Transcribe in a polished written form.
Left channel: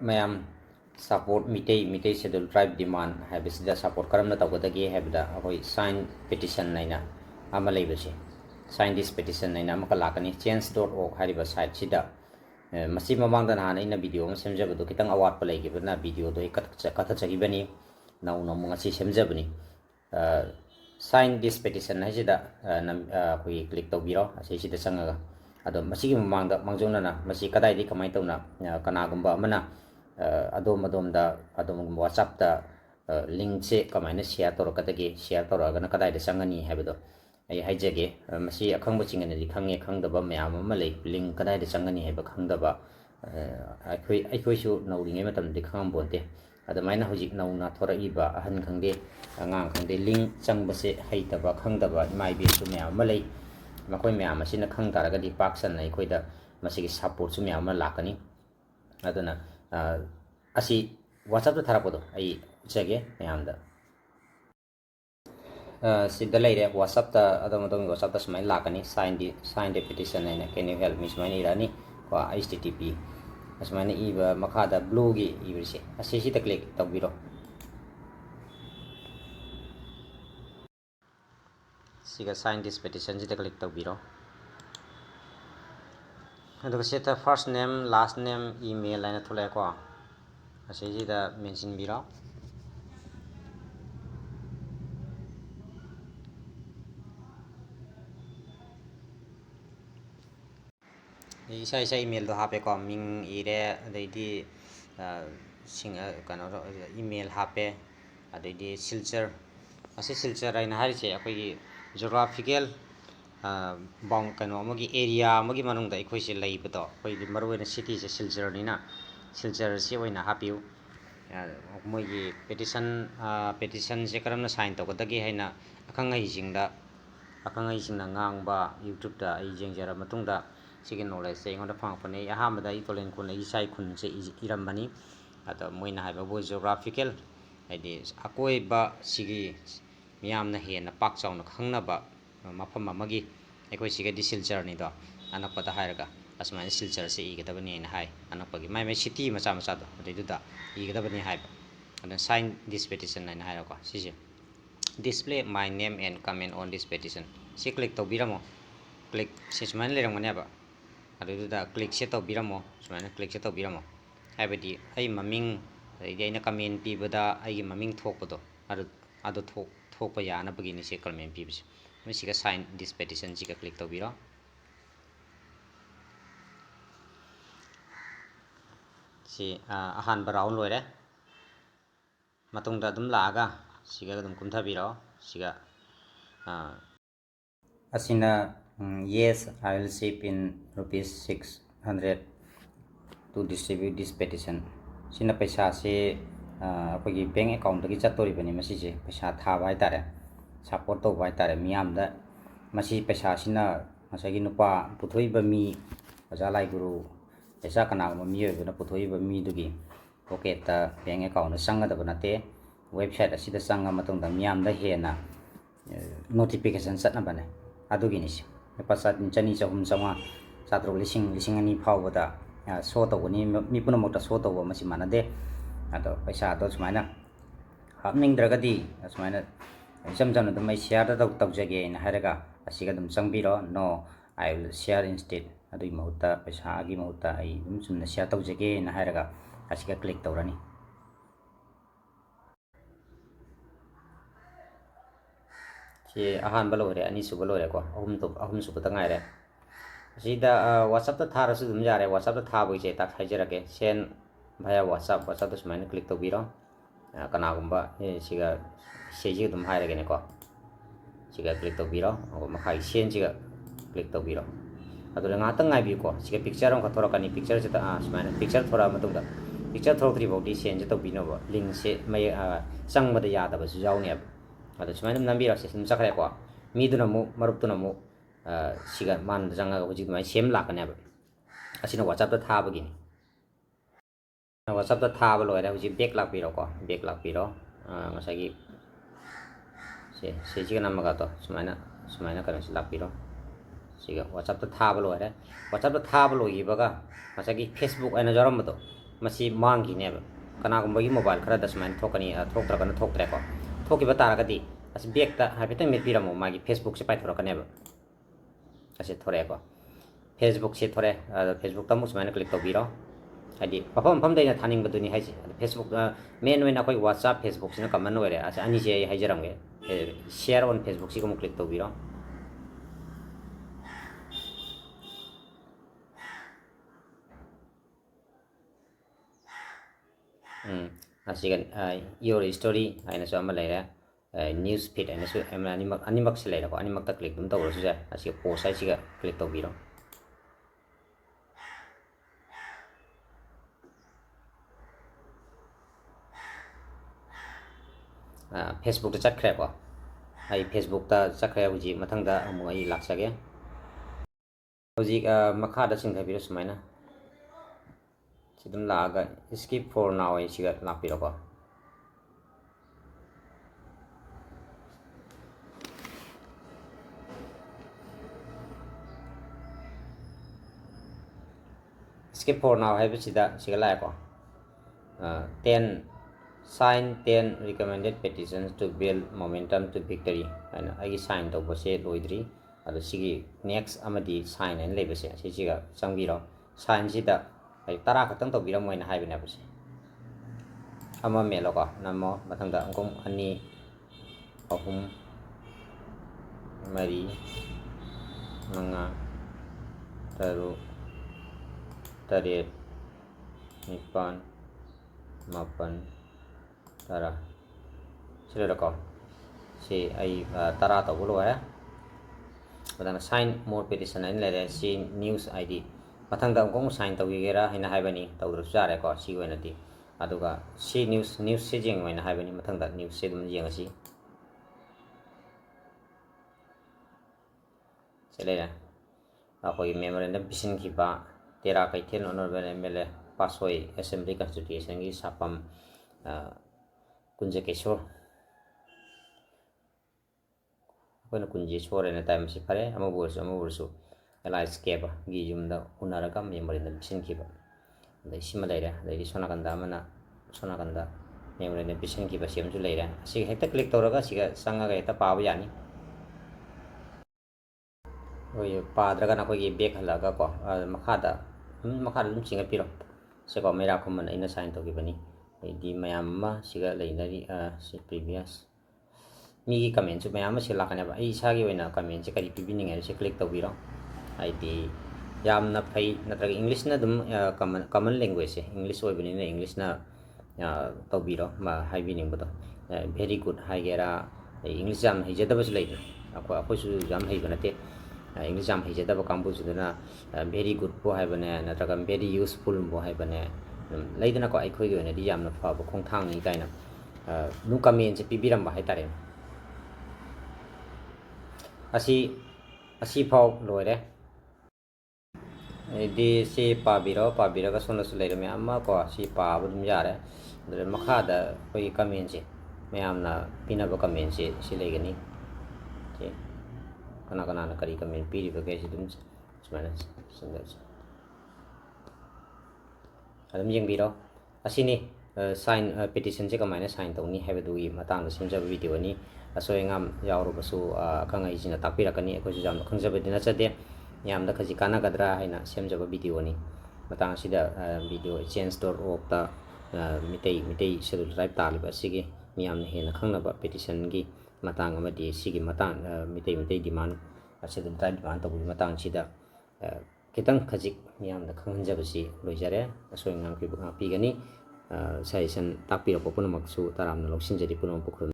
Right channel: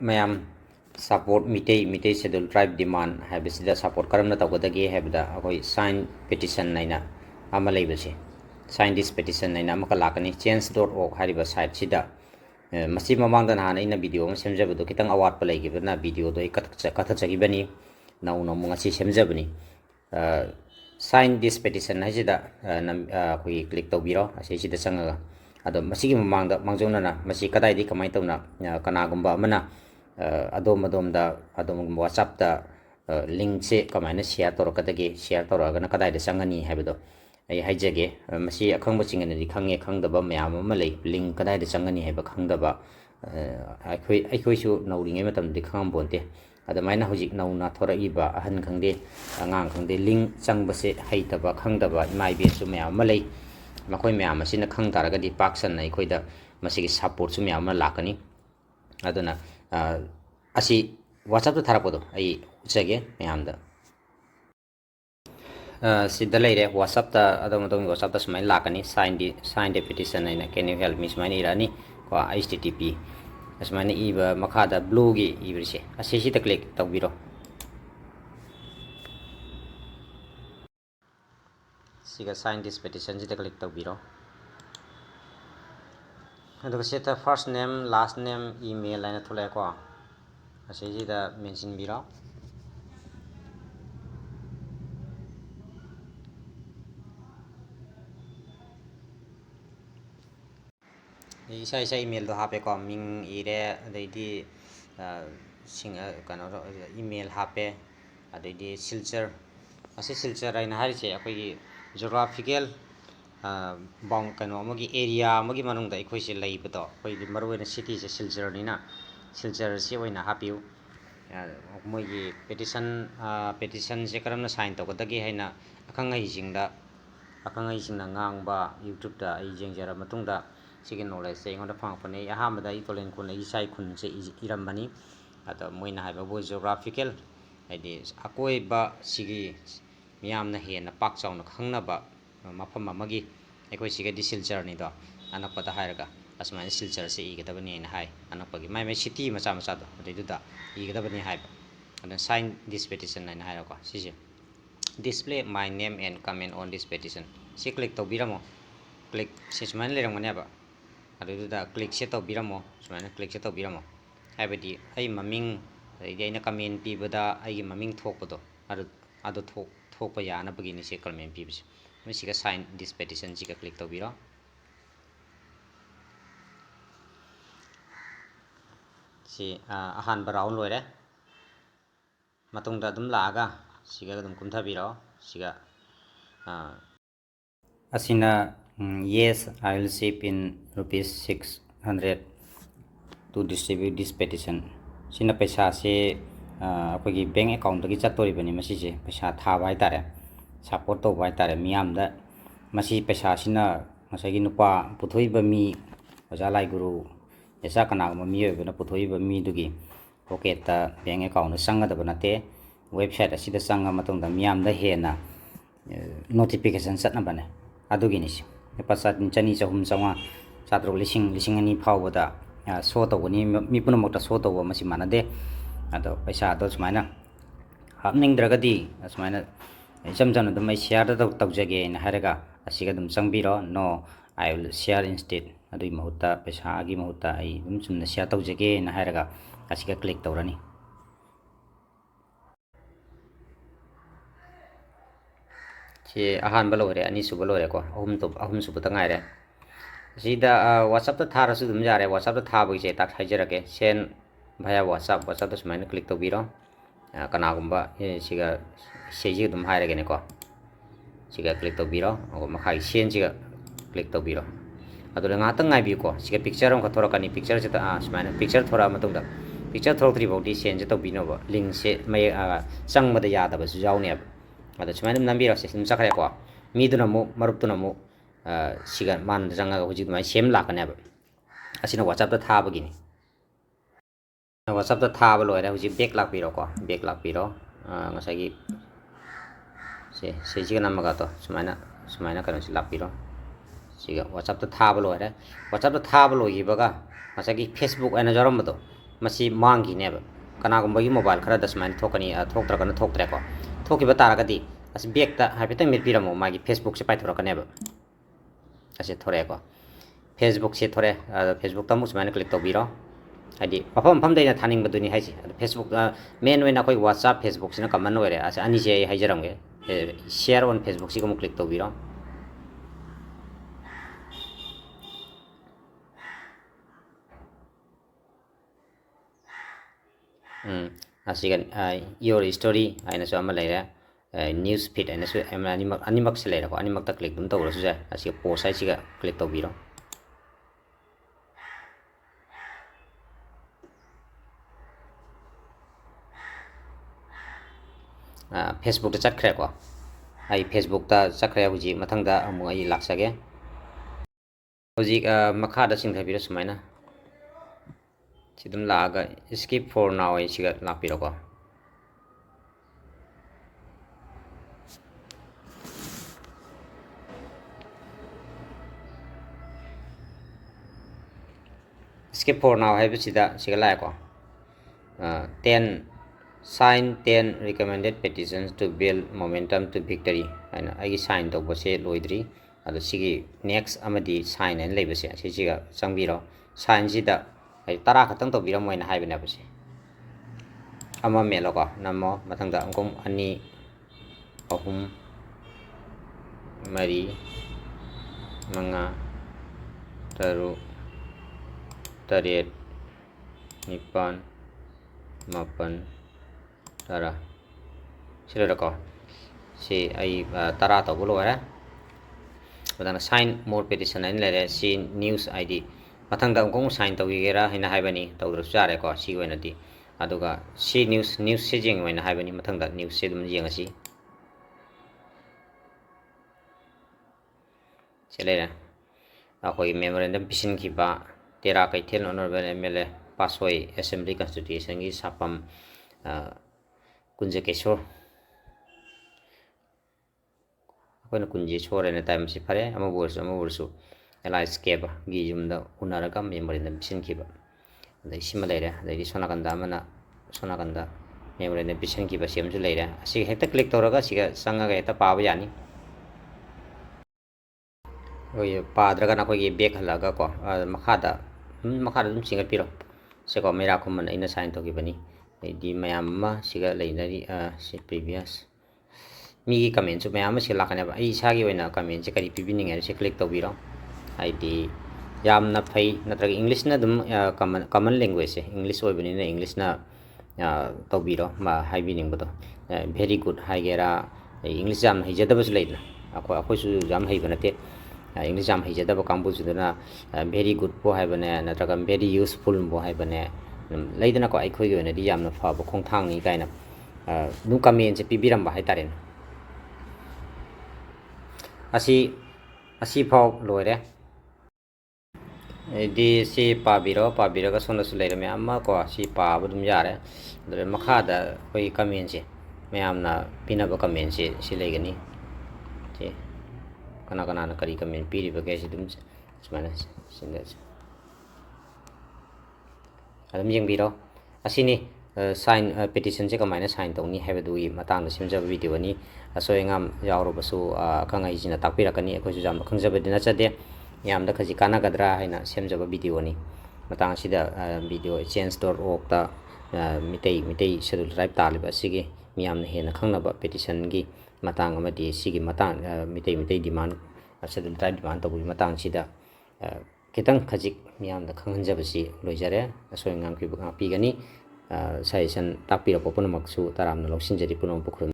ꯃꯌꯥꯝ support Meitei schedule ꯇ꯭ꯔꯥꯏꯕ ꯗꯤꯃꯥꯟ ꯍꯥꯏꯕꯁꯤꯗ support ꯀꯔꯝꯅ ꯇꯧꯒꯗꯒꯦ ꯍꯥꯏꯕꯗ ꯑꯩꯈꯣꯏ ꯁꯥꯏꯟ ꯄꯦꯇꯤꯁꯟ ꯍꯥꯏꯅ ꯑꯃ ꯂꯩꯕꯁꯦ ꯁꯥꯏꯟ ꯗꯤꯁ ꯄꯦꯇꯤꯁꯟ ꯍꯥꯏꯅ ꯑꯃꯈꯛ ꯂꯥꯛꯀꯅꯤ change.org ꯍꯥꯏꯔꯤꯕ ꯁꯥꯏꯠꯁꯤꯗ ꯃꯁꯤ ꯃꯃꯥꯡꯗ ꯅꯍꯥꯟ ꯑꯩꯅ ꯚꯤꯗꯤꯑꯣ ꯑꯃ ꯁꯦꯝꯖꯕꯗꯣ ꯈꯤꯇꯪ ꯑꯋꯥꯠꯄ ꯂꯩꯈꯤꯕꯅ ꯚꯤꯗꯤꯑꯣꯗꯣ ꯑꯩ ꯀꯛꯊꯠꯆꯈꯤꯕꯅꯤ ꯅꯧꯅ ꯑꯃꯨꯛ ꯉꯁꯤ ꯁꯦꯝꯖꯕꯅꯤ ꯁꯥꯏꯟ ꯗꯤꯁ ꯄꯦꯇꯤꯁꯟ ꯍꯥꯏꯁꯤꯗ ꯑꯩꯈꯣꯏꯒꯤ ꯀ꯭ꯂꯤꯛ ꯇꯧꯕꯤꯔꯣ ꯑꯁꯤꯁꯤꯗ ꯆꯪꯉꯒ ꯑꯗꯣ ꯃꯁꯤꯒꯤ ꯃꯃꯥꯡꯗ ꯃꯥꯡꯖꯧꯅꯅ ꯃꯁꯤ ꯀꯗꯥꯏꯗꯒꯤ ꯀꯃꯥꯏꯅ ꯇꯧꯅ ꯀꯅꯥꯒꯨꯝꯕ ꯑꯃꯅ ꯑꯗꯣꯝꯒꯨꯝꯕ ꯋꯥꯆꯞꯇ ꯂꯤꯡꯛꯁꯦ ꯀꯃꯥꯏꯅ ꯁꯤꯌꯔ ꯇꯧꯔꯛꯀꯗꯒꯦ ꯁꯤꯌꯔ ꯇꯧꯔꯛꯑꯒꯅ ꯀꯗꯥꯏꯗ ꯆꯪꯒꯅꯤ ꯍꯥꯏꯕꯗꯣ ꯑꯩ ꯍꯥꯏꯖꯒꯦ ꯃꯁꯤ ꯑꯈꯪꯕꯁꯤꯡꯅꯗꯤ ꯈꯪꯉꯦ ꯈꯪꯗꯕ ꯃꯌꯥꯝ ꯑꯃ ꯂꯩ ꯂꯤꯡꯛ ꯀꯗꯥꯏꯗ ꯆꯪꯒꯅꯤ ꯍꯥꯏꯕ ꯈꯪꯗꯕ ꯑꯩꯈꯣꯏꯁꯨ ꯅꯧꯔꯤꯉꯩ ꯃꯇꯝꯗꯗꯤ ꯈꯪꯉꯝꯄꯣꯟꯇꯦ ꯑꯗꯨꯃꯥꯏꯅ ꯍꯧꯖꯤꯛ ꯅꯧꯅ ꯊꯣꯔꯛꯏꯕ ꯑꯍꯟ ꯈꯪꯗꯦ ꯑꯉꯥꯡ ꯈꯪꯗꯦ ꯂꯤꯡꯛ ꯆꯪꯕꯁꯦ ꯍꯩꯇꯕ ꯈꯪꯗꯕ ꯏꯃꯥ ꯏꯕꯦꯜꯁꯨ ꯃꯌꯥꯝ ꯑꯃ ꯂꯩ ꯃꯈꯣꯏ ꯃꯌꯥꯝ ꯑꯁꯤꯅ ꯈꯪ ꯇꯥꯔꯒꯗꯤ ꯄꯥꯛ ꯁꯟꯅ ꯑꯩꯈꯣꯏꯗ ꯃꯁꯤꯒꯤ ꯁꯄꯣꯔꯠꯁꯨ ꯃꯌꯥꯝ ꯑꯃ ꯂꯥꯛꯀꯅꯤ ꯑꯗꯨꯅ ꯑꯁꯤ ꯋꯥꯆꯞꯇ ꯊꯥꯔꯛꯄꯗꯣ ꯑꯩ ꯎꯠꯆꯒꯦ ꯃꯌꯥꯝꯗ ꯁꯤꯗ ꯂꯩꯔꯦ ꯋꯥꯆꯞꯇ ꯑꯗꯣꯝꯒꯤ ꯋꯥꯆꯞꯇ ꯁꯨꯃꯥꯏꯅ ꯂꯥꯛꯀꯅꯤ ꯁꯥꯏꯟ ꯗ ꯄꯦꯇꯤꯁꯟ ꯍꯥꯏꯅ ꯀꯦꯟ ꯌꯨ ꯍꯦꯜꯞ ꯃꯤ ꯁꯨꯃꯥꯏꯅ ꯏꯔꯛꯑꯅꯤ ꯀꯣ HTTP ꯑꯁꯨꯃꯥꯏꯅ ꯏꯕ ꯃꯈꯥꯗ ꯕ꯭ꯂꯨꯒꯤ ꯏꯕꯁꯦ ꯑꯁꯤꯁꯤꯗ ꯀ꯭ꯂꯤꯛ ꯇꯧꯕꯤꯔꯣ siga sign this petition sida click tawbiro aduga seta first name last name email aina thulai ko asida mention biro isa email do hape ko ming ire adaidi sing kano email hape adaidi silcher asi silcher aina harise akoi geographical bound कनो अमगी area अमगी मनुंगदा इखोइसे लैबदो अखोइदि मरुवेना city से सिल्चर निना सिल्चर से ओइना हापिउ मोइगी petition से करमना sign तौगदगी हैना अखंगैसिंगदा ngang YouTube दा ai jengjara matungda sigi knowledge se ngonda phangpane ahamada I tolen kun ai sai kun se irambani ata moina haiba bo geographical haidi akoi ba sigi miyamna hena pak chauna khangnaba mafam amagi ꯑꯩꯈꯣꯏ ꯁꯤꯒꯗꯤ ꯁꯤꯜꯆꯔꯅꯤꯗꯣ ꯑꯅꯛꯄꯗ ꯍꯥꯏꯔꯒ ꯑꯁꯨꯃꯥꯏꯅ ꯁꯤꯜꯆꯔꯁꯦ ꯏꯒꯗꯕꯅꯤ ꯍꯥꯏꯅ ꯍꯥꯏ ꯑꯅꯛꯄꯒꯤ ꯃꯥꯏ city ꯃꯆꯥ ꯃꯆꯥꯗꯣ ꯑꯗꯨꯏꯗꯨꯗ ꯏꯒꯗꯕꯅꯤ ꯍꯥꯏꯕ ꯑꯗꯨꯅ sign this Pattinson ꯍꯥꯏꯅ ꯍꯥꯏꯔꯀꯣ ꯁꯤꯁꯦ display my name and comment on this petition ꯁꯤ ꯀ꯭ꯂꯤꯛ ꯇꯧꯕꯤꯔꯝꯃꯣ ꯀ꯭ꯂꯤꯛ ꯁꯤ ꯁꯨꯃꯥꯏꯅ ꯂꯩꯔꯝꯒꯅꯦꯕ ꯑꯗꯨꯏꯗꯨꯗ ꯀ꯭ꯂꯤꯛꯁꯦ ꯇꯧꯕꯤꯔꯝꯃꯣ ꯁꯨꯃꯥꯏꯅ ꯀ꯭ꯂꯤꯛꯁꯦ ꯇꯧꯕꯤꯔꯝꯃꯣ ꯍꯥꯏꯕꯗꯤ ꯑꯩ ꯃꯃꯤꯡ ꯑꯗꯩꯗꯤ ꯑꯩꯅ ꯀꯃꯦꯟ ꯄꯤꯕꯗ ꯑꯩꯒꯤ ꯃꯃꯤꯡ ꯊꯣꯛꯄꯗꯣ ꯑꯗꯨ ꯊꯣꯛꯄ ꯌꯥꯅꯕꯒꯤꯅꯤ ꯁꯤ ꯀꯃꯦꯟ ꯄꯤꯕꯁꯦ ꯃꯁꯤꯒ ꯁꯥꯏꯟ ꯗꯤꯁ ꯄꯦꯇꯤꯁꯟꯁꯤꯒ ꯀ꯭ꯂꯤꯛ ꯇꯧꯕꯤꯔꯣ ꯁꯤ ꯑꯍꯥꯟꯕ ꯔꯥꯎꯟ ꯂꯣꯏꯔꯦ ꯃꯇꯨꯡꯗ ꯑꯗꯨꯝ ꯂꯥꯛꯑꯒ ꯁꯤꯒ ꯑꯗꯨꯝ ꯀꯨꯝꯊꯕꯤꯔꯣ ꯁꯤꯒ ꯑꯁꯤꯅ yes I will ship in rupees 600 to distribute this petition sina paisa se ꯑꯩꯈꯣꯏꯒꯤ ꯕꯦꯡ ꯑꯦꯀꯥꯎꯟꯇꯒꯤ ꯆꯠꯇꯣꯔꯤꯕꯅꯤ ꯃꯁꯤꯁꯦ ꯄꯩꯁꯥ ꯊꯥꯕ ꯍꯥꯏꯇꯥꯔꯦ ꯁꯄꯣꯔꯠ ꯇꯧꯕ ꯍꯥꯏꯇꯥꯔꯦ ꯃꯤꯌꯥꯝꯗ ꯃꯁꯤ ꯄꯩꯁꯥꯁꯤꯅ ꯉꯁꯥꯏꯒꯤ ꯅꯨꯄꯥ ꯄꯨꯊꯣꯛꯏꯕ ꯃꯤ ꯑꯣꯖꯥ ꯂꯥꯏꯒꯨꯔꯨ ꯌꯦꯁꯥ ꯀꯅꯥꯒꯨꯝꯕ ꯃꯤꯑꯣꯏꯕꯅ ꯄꯨꯊꯣꯛꯏꯕ ꯃꯤꯗꯨꯒꯤ ꯄꯣꯀꯦꯠꯇ ꯕꯦꯡ ꯑꯦꯀꯥꯎꯟꯗ ꯆꯪꯒꯗꯕ ꯅꯠꯇꯦ ꯋꯦꯕꯁꯥꯏꯠ ꯑꯁꯤꯗ ꯆꯪꯉ ꯃꯇꯨꯡꯗ ꯃꯤꯌꯥꯝꯗ ꯍꯦꯟꯅ ꯅꯣꯇꯤꯐꯤꯀꯦꯁꯟ ꯆꯠꯅꯕꯅꯦ ꯑꯗꯨꯒꯤꯅꯤ ꯂꯨꯄꯥ ꯆꯅꯤ ꯆꯍꯨꯝ ꯆꯥꯝꯃꯉꯥ ꯆꯥꯇ꯭ꯔꯨꯛ ꯂꯤꯁꯤꯡ 2,000 ꯐꯥꯎꯕꯗ ꯁꯣ ꯇꯧꯒꯅꯤ ꯃꯤ ꯄꯨꯝꯅꯃꯛꯇ ꯁꯣ ꯇꯧꯕ ꯃꯁꯤ ꯃꯥꯟꯅꯗꯦ ꯑꯗꯣ ꯄꯩꯁꯥꯗꯣ ꯁꯨꯃꯥꯏꯅ ꯍꯥꯞꯅꯤꯡꯗ꯭ꯔꯒꯗꯤ ꯑꯁꯨꯃꯥꯏꯅ ꯏꯆꯝ ꯆꯝꯅ ꯑꯗꯨꯝ ꯑꯩ ꯁꯤꯌꯔꯗ ꯇꯧꯖꯒꯦꯅ ꯍꯥꯏꯔꯒ ꯑꯁꯤꯒ ꯑꯗꯨꯝ ꯆꯪꯕꯤꯔꯣ ꯅꯣ ꯑꯥꯏ ꯋꯤꯜ ꯁꯤꯌꯔ ꯏꯟꯁꯇꯦꯠ ꯑꯗꯨꯒꯤ ꯃꯍꯨꯠꯇ ꯄꯩꯁꯥꯒꯤ ꯃꯍꯨꯠꯇ ꯑꯩ ꯑꯗꯨꯝ ꯆꯨꯝꯅ ꯁꯤꯌꯔ ꯇꯧꯖꯒꯦꯅ ꯍꯥꯏꯔꯒ ꯑꯁꯤꯒ ꯀ꯭ꯂꯤꯛ ꯇꯧꯔꯅꯤ ꯁꯤ ꯑꯍꯥꯟꯕ ꯂꯣꯏꯔꯦ ꯑꯅꯤꯁꯨꯕ ꯂꯣꯏꯔꯦꯀꯣ ꯑꯍꯨꯝꯁꯨꯕꯗ ꯉꯥꯏꯔꯦ ꯑꯁꯤꯗ ꯋꯥꯆꯞꯇ ꯊꯥꯔꯁꯨ ꯑꯗꯨꯝ ꯌꯥꯔꯦ ꯋꯥꯆꯞꯇ ꯊꯥꯕꯒꯤꯁꯦ ꯍꯥꯏꯖꯔꯛꯀꯦ ꯁꯦꯟ ꯚꯥꯏꯌꯥ ꯋꯥꯆꯞꯇ ꯁꯨꯃꯥꯏꯅ ꯀ꯭ꯂꯤꯛ ꯇꯧꯕꯤꯔꯣ ꯀꯅꯥꯒꯨꯝꯕ ꯁꯤꯒ ꯑꯗꯨꯝ ꯍꯥꯏꯔꯒꯦꯅꯦꯀꯣ siga klik tawbiro makhai sen siga klik tawbiro adula ngatang ngaibiuko siga picture am khathorokani picture se ta smaina picture thora matungda picture thorotri bawdi sen se tawbino ba link se mai changmada yadaba su jawni ab ada smaina nambiro se sim chakhre ko miduna mu maruptuna mu siga man janga hojik mai sem lakane ab asina whatsapp ta thabagini whatsapp ta thaba loire hojik back lakbiro ko back lakbiro ngasagi siga namaga to sumaina kano si lakpiro siga whatsapp ta thaba loire whatsapp ta thaba loibaga masagi facebook aina jaram to masi manggineba kanagumba gi mobile khara dasman thokani thoktra thoktre ko thokiba taragadi as back ta habitang mit biramo magi Facebook se pai thorakaneba ase thore ko Facebook se thore Facebook ta musman click to biro hadi mafam mafam daina thaning baduni haisi Facebook main oina koi WhatsApp Facebook sina common oire ase ani se haijaramge share on Facebook si ko click to biro asigan your story aina so ama leira news feed aina so animak se leira ko animak ta click dum to ro su asi post ai siga click to biro Facebook ta chatkhre ko ai Facebook ta chakre huji mathangda amu ai laksage huji makha da sing thabira sumaina sidum laga skip for now ai siga lapiro ko skip for now hai bisida siga la ko 10 sign 10 recommended petitions to build momentum to victory aina agi sign to bose loidri ado sigi next amadi sign en lebase siga changbiro sign sida ai tara khatang to biram moina haibene base ama melo ko namo mathangda angkom ani ahum mari manga taru taret nipan mapan tara sila ko si ay tara to bulo ara badana sign more petition an lere si news id mathang da kong sign to gera hina haibani to dru sare ko si wena di aduga si news si jing wena haibani mathang da news se dum jing asi selera akoi memorandum pisin khiba tera kai thel honorable mla pasoi assembly constitution gi sapam kunje kesor akoina kunje sore ne time si phare ama bursu ela escape gi jumda unaraga memorandum pisin khiba dai sima leira dai sona kanda amana sona kanda memorandum pisin khiba semju leira si hekta click toraga siga sanga ga eta pawa yani oi padraga na ko gi back halaga ko makhada dum singa piro se ko mera khumman ina sign to gi bani di mayam ma siga leinari si previous mi gi comment su mayam si lakane ba ai sa gi oina comment se kari pibining er se click to biro ai di yam na phai natraga english na dum common language english oi bani na english na to biro ma hai bining bodo very good hai gera english jam hijada bas leina ako su jam hai banate English jam hijada ba kambu sudana very good bo hai bane natraga very useful bo hai bane leidana ko ai khoi gi na di yamna fa ba khong thang ni kaina nu comment se pibiram ba hai tare asi phau loire di si pabiro ga sona su leire me amma ko si pa bu dum yare dre makha da koi comment se me amna pina ba comment se si leigani je kana kana na kari comment piri ba ke si dum semana sindas adam yang biro asini sign petition se kamaina sign tongni hebadui matang simja video ni asoi ngam yauro basu kangai jina takpirakani ko ju jam khangjabe dina chade yamda khaji kana gadra haina semjaba video ni matang sida video change.org ta mitei schedule drive taliba sigi miyamna hena khangnaba petition gi matang amadi sigi matang mitei demand schedule drive demand to bu matang sida kitang khajik miyamda khanghanjabasi loijare asoi ngam ki pigani session takpira ko punamaksu taramna loksinjari punam pukhrun